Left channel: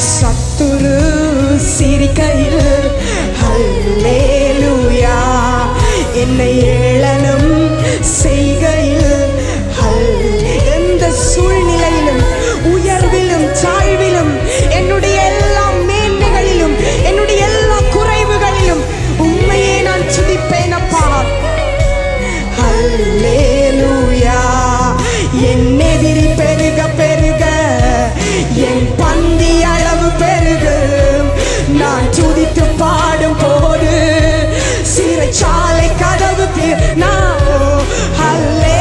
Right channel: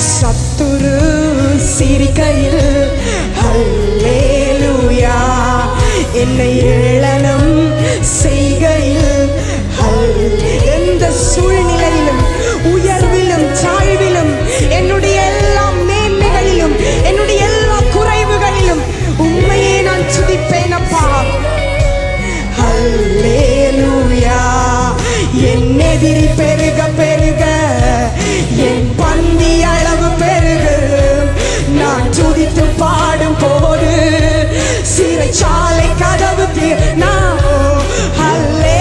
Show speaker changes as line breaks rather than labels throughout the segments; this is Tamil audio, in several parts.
சத்துரு சிரிக்கையில் ஹல்லேலுயா என்னை ஏளனம் செய்கையில் ஹல் எந்த சூழ்நிலையிலும் உயர்விலும் தாழ்விலும் என்னுடைய எல்லா மேன்மைகளிலும் என்னுடைய எல்லா குறைவுகளிலும் உண்மையே நான் துதிப்பேனப்பா ஹல்லேலுயா என் எதிரி பெருக பெருக என் பந்தியா சிறைச்சாலை கதவு தீர் நான் ஹல்லேலூயா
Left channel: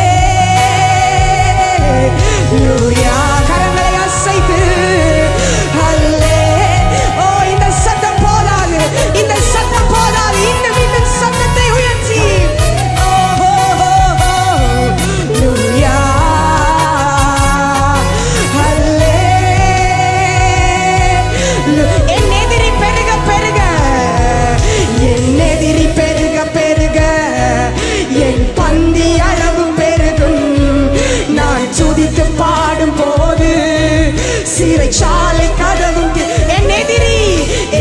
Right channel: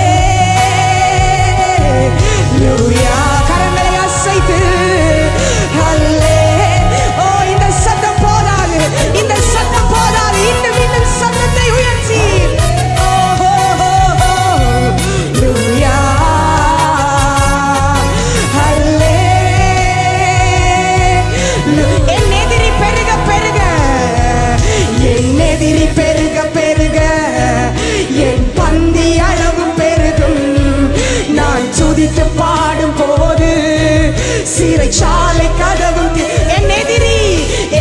கரங்களை அசைத்து. ஹல்லே. ஓ இந்த சத்தம் போதாது. இந்த சத்தம் போதாது. இன்னும் இன்னும் சத்தத்தை உயர்த்தி. என் எதிரி பெருக பெருக. என் எதிரி பெருக. என் பந்தி அளவு பெருகும். நான் சுதித்து பாடும் போது சிறைச்சாலை கதவும் என் எதிரி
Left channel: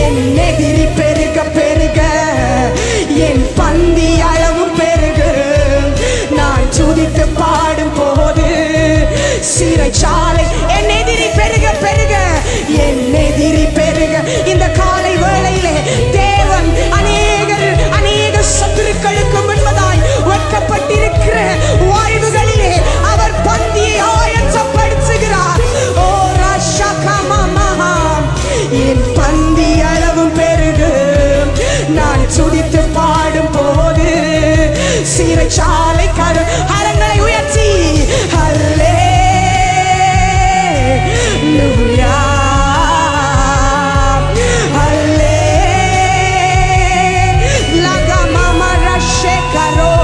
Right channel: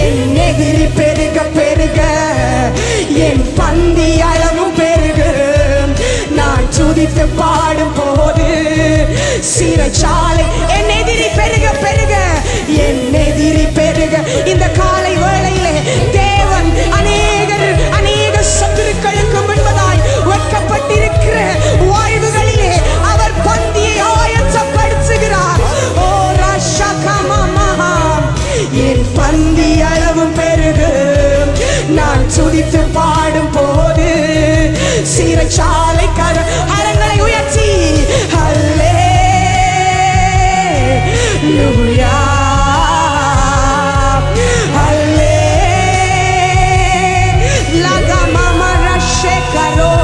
என் எதிரி பெருக பெருக. என் பந்தி அளவும் பெருகும் நான் சுதித்து பாடும் போது சிறைச்சாலை என் எதிரி பெருக பெருக. என் எதிரி பெருக. இந்த காலை என் பந்தி அளவும் பெருகும் நான் சுதித்து பாடும் போது சிறைச்சாலை கரு அரங்களை உயர்த்தி. அல்லே லூயா. ஹல்லே லகமம ரஷே கரோ.